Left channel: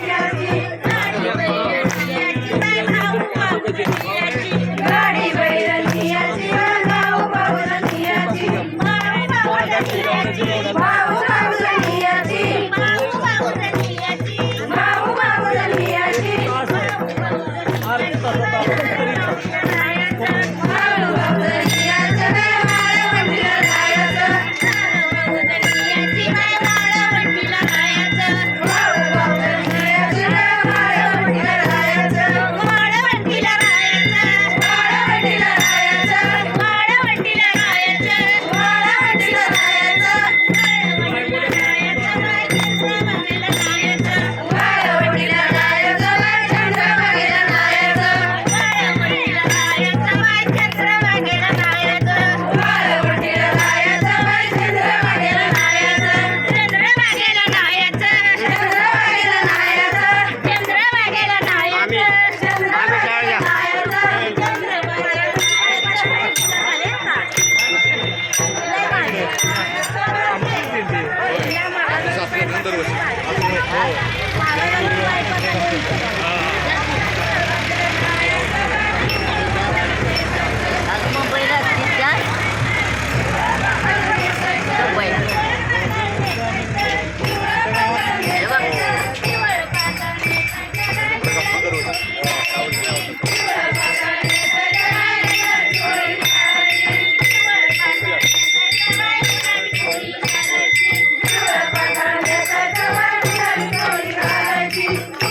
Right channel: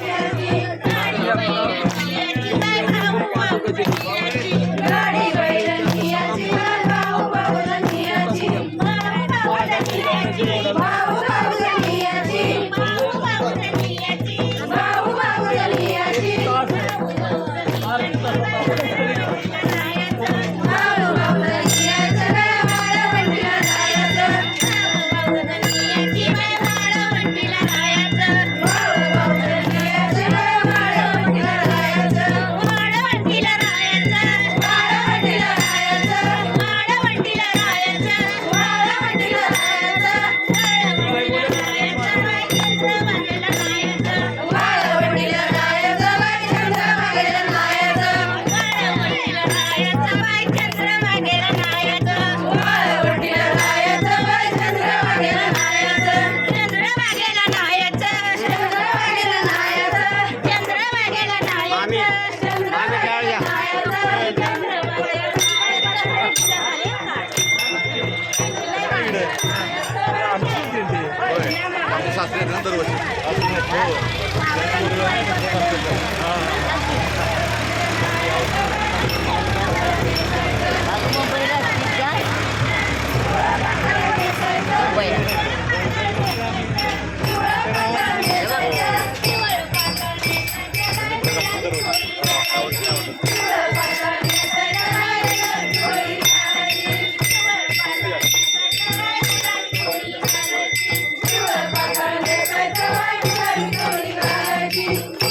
Yeah. Thank you. Thank you.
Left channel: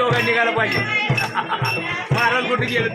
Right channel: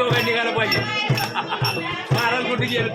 दोघं निघायला पाहिजे. महाराज कुठे गेले